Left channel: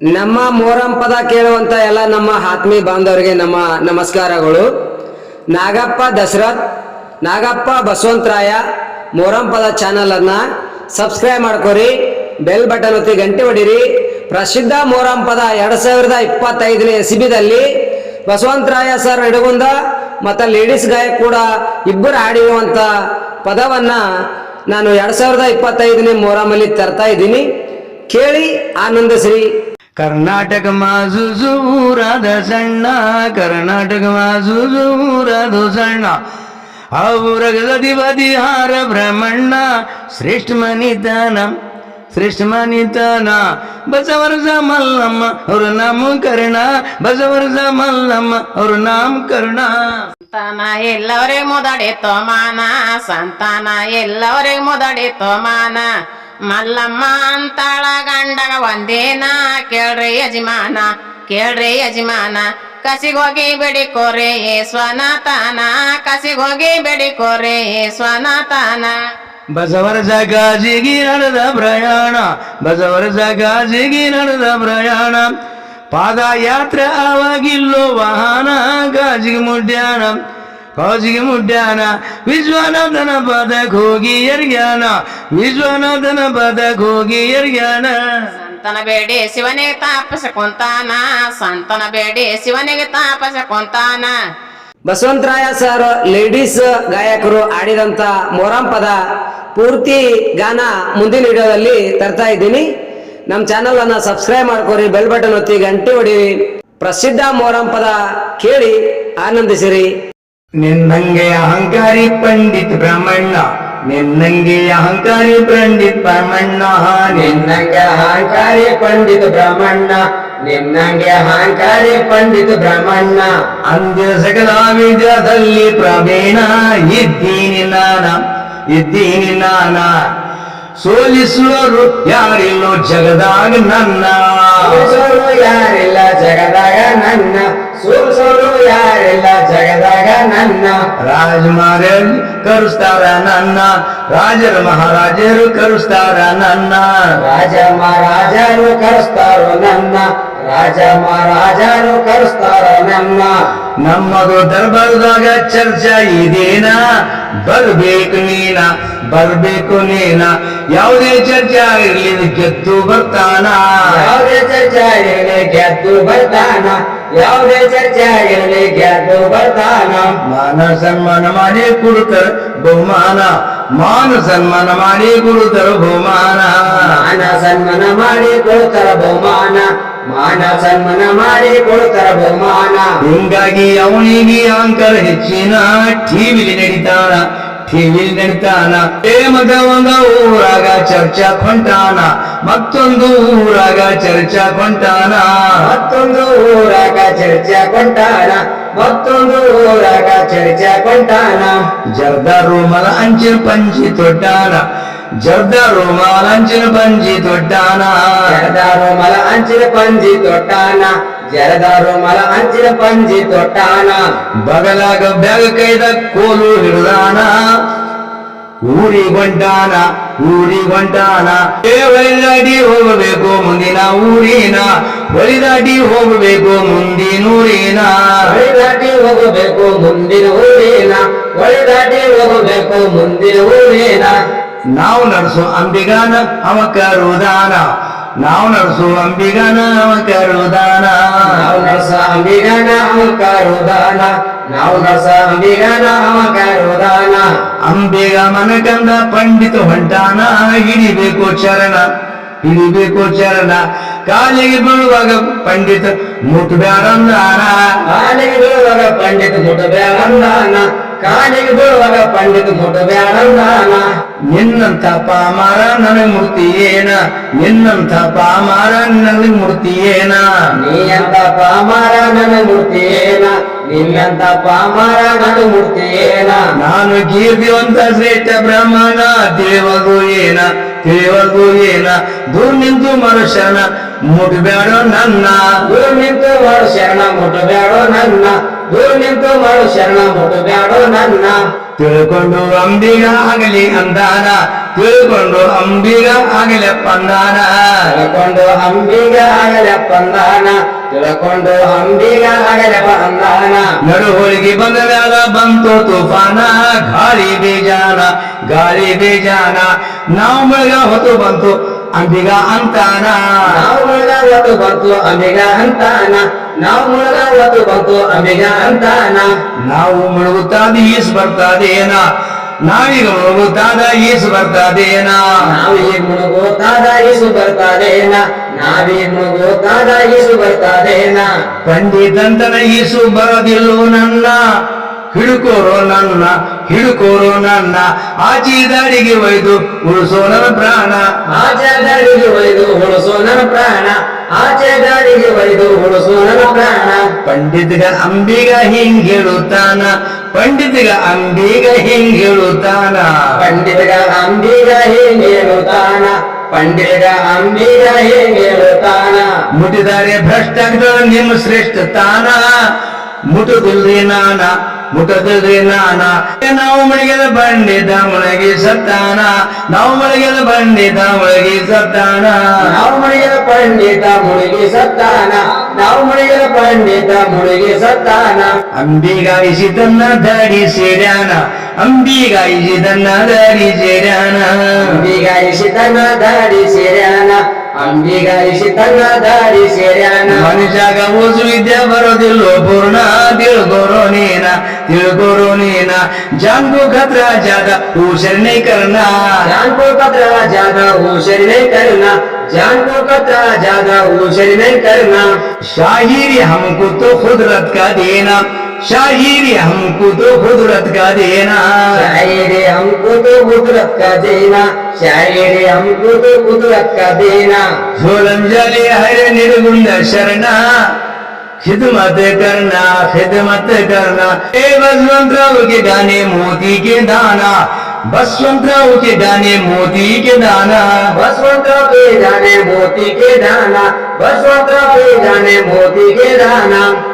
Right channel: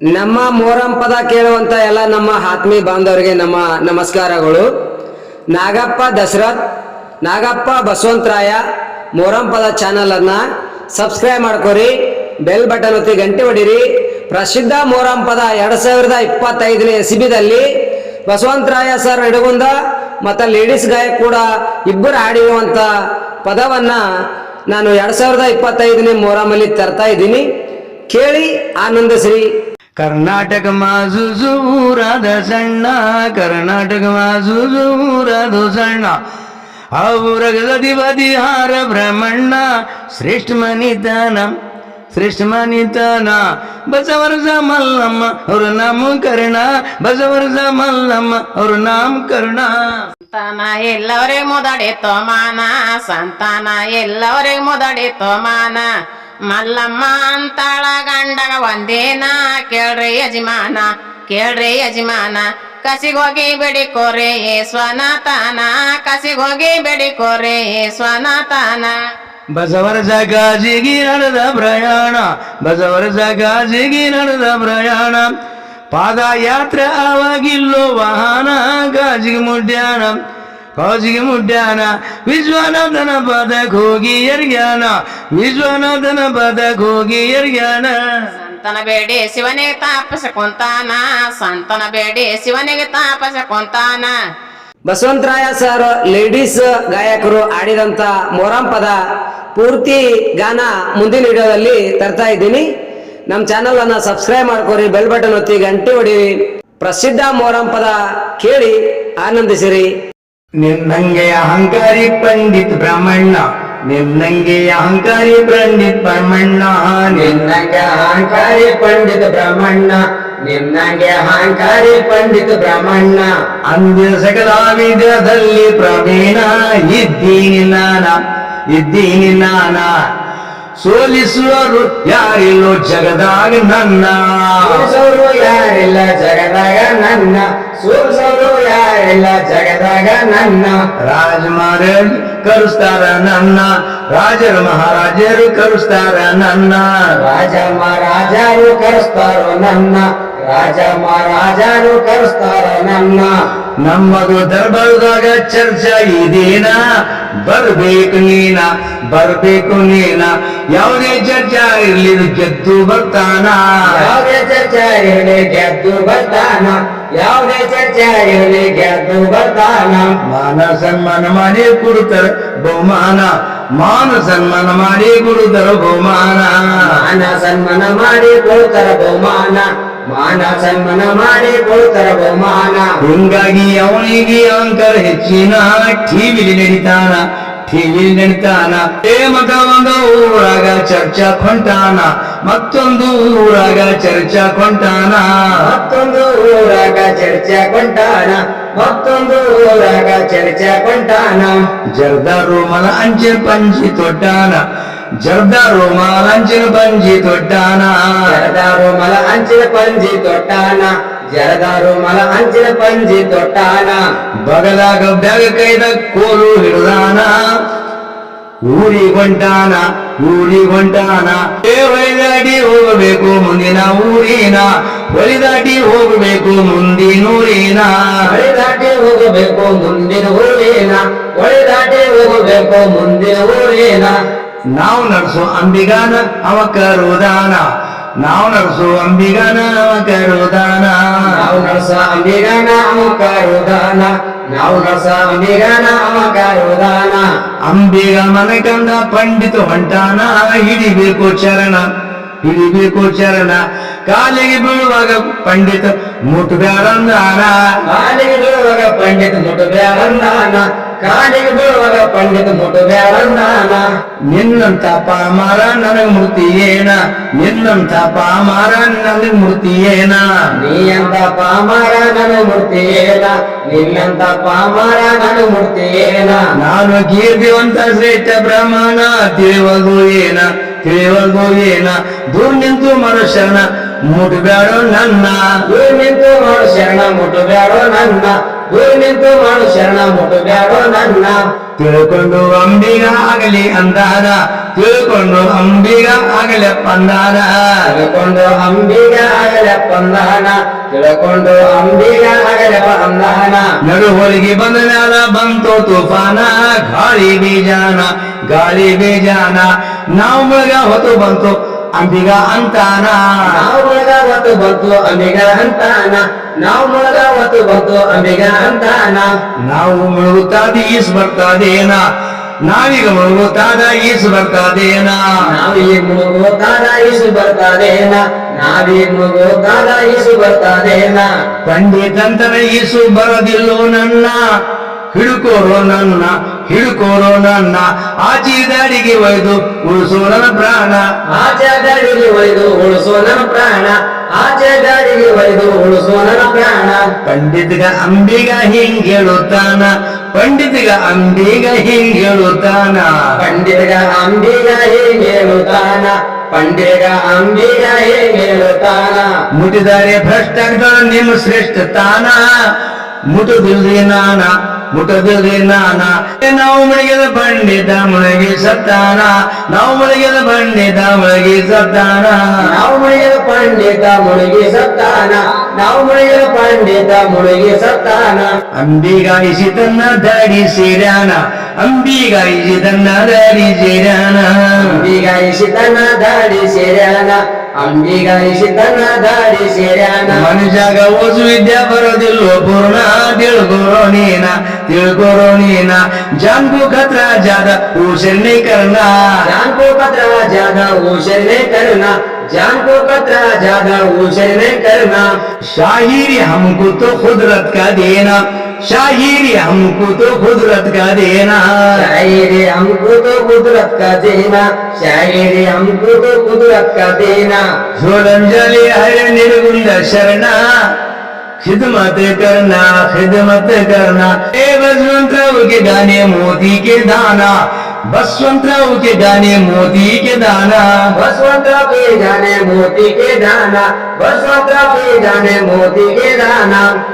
ನಮ್ಮ ಮೋರಂ ಪದ ಕೇಳುವಂತ ಎಲ್ಲ ನಮ್ಮ ಆತ್ಮೀಯ ಬಾಂಧವರಿಗೆ ನಮ್ಮ ನಮಸ್ಕಾರಗಳು. ನಾಗಪ್ಪ ದಶರಥ್ ನಾಗಪ್ಪ ಬಸವಂತರಾಯ ಮೋರಂ ಪದ ಚಾನಲ್ ಅನ್ನ ಸಬ್ಸ್ಕ್ರೈಬ್ ಮಾಡ್ಕೊರಿ ಬೆಲ್ ಬಟನ್ ಒತ್ತಿ ಗಂಟೆ ಹೊಡಿರಿ ಪ್ರಸಿದ್ಧ ಮೋರಂ ಪದ ಎರಡ್ ಸಾವಿರದ ಇಪ್ಪತ್ತೈದನೇ ಎಸಿಬಿದಲ್ಲಿ ಬಸವಂತರಾಯ ಸರ್ ನಡುಗುಂದ ಮತ್ತು ಲೇಡೀಸ್ ಗಾಯಕ್ ಕೂಡ ಇಬ್ಬರು ಹಾಡಿರುವಂತ ಪದವನ್ನ ನಾನು ಎರಡ್ ಸಾವಿರದ ಇಪ್ಪತ್ತೈದನೇ ಮೋರಮಲ್ಲಿ ತರ್ತಾ ಇದ್ದೀನಿ. ಕೇಳಿ ಆನಂದಿಸ್ರಿ ಕರ್ನಾಟಕ ಊರಾದ ಸಣ್ಣ, ಕರ್ನಾಟಕ ಊರಾದ ಸಣ್ಣ. ಬದಿ ಹಾರ ಬ್ರಹ್ಮಣ್ಣ, ಶ್ರೇಷ್ಠ ಮನಿತನ ಶ್ರೇಷ್ಠ ಮನಿತನ. ಬಸವರಸ ಮಲ್ಲಮ್ಮ, ಅವ್ರ ನಾಮ ಕರ್ಣ. ಬಸವರಸ ಮಲ್ಲಮ್ಮ, ಅವ್ರ ನಾಮ ಕರ್ಣ. ಸಂತಾನ ಎಲ್ಲವರೇ ಮೊದಡೆ ತೋಮಾನ, ಸಂತಾನ ಎಲ್ಲವರೇ ಮೊದಡೆ ಮಾನ ಮಲ್ಲಮ್ಮ ಅಂತಾಳ ಗಂಡಗ ಒಂದೇನ? ಕೇಳ್ರಿ ಯಜಮಾನ ಕೇಳ್ರಿ ಯಜಮಾನ. ಕಸಿಗೋಗಿ ಬೆಡಿಕೋರೆ ಏ ಸ್ವನತಾನ ಕಸಿಗೋಗಿ ಬೆಡಿಕೋರೆ ಏ ಸ್ವನತಾನ ಬಸವರ ಜಗಾಜಿಗಿ ನಡೆದ ಪ್ರಯಾಣ, ಬಸವರ ಜಗಾಜಿಗಿ ನಡೆದ ಪ್ರಯಾಣ. ಪಾದಯಾತ್ರೆ ಆವಾಗಿಲ್ಲೋ ವಾಹನ, ಗಾಜಿಗೆ ಮುಡ್ಯಾಣ ಗಾಜಿಗೆ ಮುಡ್ಯಾನ ವಿಶ್ವನಾಥನ ಪದಕ್ಕೆ ಹೋಗಿ ಎರ್ಗ್ಯಾನ ವಿಶ್ವನಾಥನ ಪದಕ್ಕೆ ಹೋಗಿ ಎರ್ಗ್ಯಾನ. ಸಂತನ ಬೇಡಿ ಶಿವನಿಗೆ ತಾಪಸ ಕೊಂತಾನ ಸಂತನ ಬೇಡಿ ಶಿವನಿಗೆ ತಾಪಸ ಕೊಂತಾನ ಬಸವಂತರಾಯ ಸರ್ ಲೇಡೀಸ್ ಗಾಯಕರು ಆಡಿದಂತ ಮೊರಂ ಪದ ಪೂರ್ತಿ ಗಾನ ಮುಂದಿನ ವಿಡಿಯೋದಲ್ಲಿ ತರ್ತಾ ಇದ್ದೀನಿ. ನಮ್ಮ ಚಾನಲ್ ಅನ್ನ ಸಬ್ಸ್ಕ್ರೈಬ್ ಮಾಡ್ಕೊರಿ ಬೆಲ್ ಬಟನ್ ಒತ್ತಿ ಗಂಟೆ ಹೊಡಿ ಪ್ರಸಿದ್ಧ ಮೊರಂ ಪದ ಕೇಳಿ ಆನಂದಿಸಿರಿ. ನಿನ್ನಂಗೆ ಅಹಂಕಾರಿ ಪಂಡಿತ್ ಬ್ರಹ್ಮಣ್ಣ ನಿನ್ನಂಗೆ ಅಹಂಕಾರಿ ಪಂಡಿತ್ ಬ್ರಹ್ಮಣ್ಣ ನಿನ್ನಂಗೆ ಅಹಂಕಾರಿ ಪಂಡಿತ್ ಬ್ರಹ್ಮಣ್ಣ ನಿನ್ನಂಗೆ ಅಹಂಕಾರಿ ಪಂಡಿತ್ ಬ್ರಹ್ಮಣ್ಣ. ಅಂದ್ಯ ಸಕಲ ಪ್ರವೀಣ, ಇದ್ದೀನಿ ನಾನ ಇದ್ದೀನಿ ನಾನ. ಸೋಲಿಸುವರು ಯಾರಿಲ್ಲೋ ಜಗದಾಗ ನನ್ನ. ಸೋಲು ಯಾರಿಲ್ಲ ಜಗದಾಗ ನನ್ನ. ಸೋಲಿಸೋರು ಯಾರಿಲ್ಲ ಜಗದಾಗ ನನ್ನ. ರಾಜ ಮಹಾರಾಜ್ ಕರುಸ್ತಾರ ನನ್ನ. ರಾಜರು ಮಹಾರಾಜರು ಕರುಸ್ತಾರ ನನ್ನ. ರಾಜ ಮಹಾರಾಜರು ಕರುಸ್ತಾರೋ ನನ್ನ. ರಾಜ ಮಹಾರಾಜರು ಕರುಸ್ತಾರ ನನ್ನ. ನಮ್ಮದು ದರ್ಬಾರದಾಗ ಚರ್ಚಾ ಇದೇನ? ಬರ್ಬೇಕು ನೀನ ಬರ್ಬೇಕು ನೀನ. ಯಾವುದೇ ಚರ್ಚಾ ಇರ್ಲಿ ಗೆದ್ದು ಬರ್ತಾನ. ಇರಲಿ ಗೆದ್ದು ಬರ್ತಾನ ಯಾವುದೇ ಚರ್ಚೆ ಇರಲಿ ಗೆದ್ದು ಬರ್ತಾನ. ಮಾನ ಸನ್ಮಾನ ಮಾಡಿ ಕೊಡುತ್ತಾರೆ ಬಹುಮಾನ ಮಾನ ಸನ್ಮಾನ ಮಾಡಿ ಕೊಡುತ್ತಾರೆ ಬಹುಮಾನ. ಮಾನ ಸನ್ಮಾನ ಮಾಡಿ ಕೊಡುತ್ತಾರೆ ಬಹುಮಾನ ಮಾನ ಸನ್ಮಾನ ಮಾಡಿ ಕೊಡುತ್ತಾರೆ ಬಹುಮಾನ. ಹಿಂಗಾಗಿ ಅವನಿಗೆ ಅಂಕರ್ ಹೆಚ್ಚಿನ ಟಿವಿಲಿ ನಡೀತಾನ ಟಿವಿಲಿ ನಡೀತಾನ. ಮಗ ಒಂದು ಊರಾಗ ಚರ್ಚಾ ಕೊಂಟಾನ ಮತ್ತೊಂದು ಊರಾಗ ಚರ್ಚಾ ಕೊಂಟಾನ ಮತ್ತೊಂದು ಊರಾಗ ಚರ್ಚಾ ಕೊಂಟಾನ ಮತ್ತೊಂದು ಊರಾಗ ಚರ್ಚಾ ಕೊಂಟಾನ ಜರ್ದ ರೂಮಲ ಅಂಚಿನ ಪಂಚಿ ತೊಟ್ಟಾನ ಜರ್ದ ರೂಮಾಲ ಅಂಚಿನ ಪಂಜಿ ತೊಟ್ಟಾನ ಜರ್ದ ರೂಮಲ ಅಂಚಿನ ಪಂಜಿ ತೊಟ್ಟಾನ ಜರದ ರೂಮಲ ಅಂಚಿನ ಪಂಜಿ ತೊಟ್ಟಾನ ಬಗಲಾಗ ಬ್ಯಾಗ ಕೈದ ಕೋಲು ಹಿಡ್ದಾನ ಊರಿಗೊಂಟಾನ ಊರಿಗೊಂಟಾನ ಏ ಹೊಳಿದಾಟಿ ಹೋಗಬೇಕು ಮುಂದಿನ ಊರಿನ ಹೊಳಿದಾಟಿ ಹೋಗಬೇಕು ಮುಂದಿನೂರಿನ ಹೊಳಿದಾಟಿ ಹೋಗಬೇಕು ಮುಂದಿನ ಊರಿನ ಹೊಳಿದಾಟಿ ಹೋಗಬೇಕು ಮುಂದಿನ ಊರಿನ. ನಾವು ನಡೆಸೋ ಅಂಬಿಗಾನ ಅವ ಕರುದಾನ. ನಾವು ನಡೆಸೋ ಅಂಬಿಗಾನ ಅವ ಕರುದಾನ. ನಾವು ನಡೆಸ ಅಂಬಿಗಾನ ಅವ ಕರುದಾನ. ನಾವು ನಡೆಸ ಅಂಬಿಗಾನ ಅವ ಅಂಬಿಗ ಮನಕಂದ ಪಂಡಿತ ಹೊಂಟಾನ, ಹಿಡಿಬೇಕು ಚರಣ ಹಿಡಿಬೇಕು ಚರಣ. ಕಾಲಿಗೆ ಬೀಳುವಾಗ ಪಂಡಿತ ಮುಟ್ಬ್ಯಾರಂದಾನ ಕಾಲಿಗೆ ಬೀಳುವಾಗ ಪಂಡಿತ ಮುಟ್ಬ್ಯಾರಂದಾನ ಕಾಲಿಗೆ ಬೀಳುವಾಗ ಪಂಡಿತ ಮುಟ್ಬ್ಯಾರಂದಾನ ನಿನ್ನಂತ ಪಾಮಾರ ನನಗೆ ಮುಡ್ತೀಯೇನ? ನಿನ್ನಂತ ಪಾಮಾರ ನನಗೆ ಮುಡ್ತೀಯೇನ? ನೀ ಅಂತ ಪಾಮಾರ ನನಗೆ ಮುಡ್ತೀಯೇನ? ನಿನ್ನಂತ ಪಾಮಾರ ನನಗೆ ಮುಡ್ತೀಯೇನ? ನಾನು ಕೀರ್ತಿವಂತ ಶ್ರೇಷ್ಠ ಬ್ರಹ್ಮನ ತಿಳಿವಲ್ದು ಏನ? ತಿಳಿವಲ್ದು ಏನ? ದೂರ್ ನಿಂತು ಮರು ಶರಣ ಮುಟ್ಬ್ಯಾಡೋ ನನ್ನ. ದೂರ ನಿಂತು ಮಾಡು ಶರಣ ಮುಟ್ಬೇಡೋ ನನ್ನ. ದೂರ ನಿಂತು ಮಾಡು ಶರಣ ಮುಟ್ಬೇಡೋ ನನ್ನ. ತಿಳ್ಕೊಂಡು ಅಂಬಿಗ ಆಗಲಿ ಅಂದಾನ. ತಿಳ್ಕೊಂಡು ಅಂಬಿಗ ಆಗಲಿ ಪಂದಾನ. ತಿಳ್ಕೊಂಡು ಅಂಬಿಗ ಆಗಲೆ ಪಂದಾನ. ತಿಳ್ಕೊಂಡು ಅಂಬಿಗ ಆಗಲೆ ಪಂದಾನ. ನಡು ಹೋಳಿಗೆ ಬಂದ ಮ್ಯಾಲ ಬಂತು ತುಫಾನ ಗಾಳಿ ಬೀಜಾನ ಗಾಳಿ ಬೀಜಾನ. ನಾವು ಮುಳುಗ ಹೊತ್ತು ಬಂತು ಅಂಬಿಗ ಅಂತಾನ. ನಾವು ಮುಳುಗ ಒತ್ತು ಬಂತು ಅಂಬಿಗ ಅಂತಾನ. ನಾವು ಮುಳುಗ ಒತ್ತು ಬಂತು ಅಂಬಿಗ ಅಂತಾನ. ನಾವು ಮುಳುಗುತ್ತಾದ ಈಸ್ ಬರ್ತಾದೇನ. ನಾವೀಗ ಮುಳುಗುತ್ತಾದ ಈಸ್ ಬರ್ತಾದೇನ. ನಾವು ಈ ಮುಳುಗೋತಾದ ಇಸು ಬರ್ತಾದೇನ. ನಾವೀ ಮುಳುಗುತ್ತಾದ ಈಸು ಬರ್ತಾದೇನ. ಪಂಡಿತಂತನ ಈಸು ಬರೋದಿಲ್ಲೋ ನನ್ನ. ಹಿಡುಕೋರೋ ನನ್ನ ಹಿಡುಕೋರೋ ನನ್ನ. ಆಚಿ ದಾರಿಗೆ ಒಯ್ದು ಉಳಿಸೋ ನನ್ನ ಪ್ರಾಣ. ಆಚೆ ದಾಡಿಗೆ ಒಯ್ದು ಉಳಿಸೋ ನನ್ನ ಪ್ರಾಣ. ಆಚೆ ದಾಡಿಗೆ ಒಯ್ದು ಉಳಿಸೋ ನನ್ನ ಪ್ರಾಣ. ಪಂಡಿತ್ಗ ಅಂಬಿಗ ಹಿಂಗ್ ಹೇಳುತ್ತಾನ ಪಂಡಿತಗ ಅಂಬಿಗ ಹಿಂಗ್ ಹೇಳುತ್ತಾನ ಪಂಡಿತಗ ಅಂಬಿಗ ಹೇಳುತ್ತಾನ ಪಂಡಿತ ಅಂಬಿಗ ಹೇಳುತ್ತಾನ ಮುಟ್ಟಿದರೆ ಭ್ರಷ್ಟ ನಿಮ್ಮ ಶ್ರೇಷ್ಠ ತಾನ. ಮುಟುದಿಲ್ರಿ ನಾನ ಮುಟದಿಲ್ರಿ ನಾನ. ನಾವು ಮುಳುಗಿದ ಬಂಡಿದ ಮುಳುಗಿ ಸತ್ತಾನ. ನಾವು ಮುಳುಗಿದ ಬಂಡಿದ ಮುಳುಗಿ ಸತ್ತಾನ. ನಾವು ಮುಳುಗಿದ ಪಂಡಿತ ಮುಳುಗಿ ಸತ್ತಾನ. ನಾವು ಮುಳುಗಿದ ಪಂಡಿತ ಮುಳುಗಿ ಸತ್ತಾನ. ಅಂಬಿಗಾಯಿಸಿ ತನ್ನ ದಾಡಿ ಸೇರ್ಯಾನ. ಅಂಬಿಗಾಯಿಸಿ ತನ್ನ ದಾಡಿ ಸೇರ್ಯಾನ. ಅಂಬಿಗಾಯಿಸಿ ತನ್ನ ದಾಡಿ ಸೇರ್ಯಾನ ಅಂಬಿಗಾಯಿಸಿ ತನ್ನ ದಾಡಿ ಸೇರ್ಯಾನ ಮನುಷ್ಯಾಗ ಓಸು ವಿದ್ಯೆ ಬರೋದಿಲ್ಲೋ ಪೂರ್ಣ ತಿಳ್ಕೊರೋ ನೀನ ತಿಳ್ಕೊರೋ ನೀನ ಜಾನ್ಗು ಖತ್ರ ಜಾದ ಊಶರಣೆ ಕರ್ಣ जान को कतरा ज्यादा ऊशर नहीं करना जान को कतरा ज्यादा ऊशर नहीं करना शाहिरी हमको तो खुदरत का देना शाहिरी हमको तो खुदरत का देना। शायरी हमको तो कुदरत का देना। शायरी हमको तो कुदरत का देना। झोलम जले हर निर्गुंड शरणा। खिदमत करना खिदमत करना। ए बसवंतराव के गाने मोती के दाना। बसवंतराव के गाने मोती के दाना। बसवंतरा पे जाने मोती के दाना। बसवंतरा पे जाने मोती के दाना।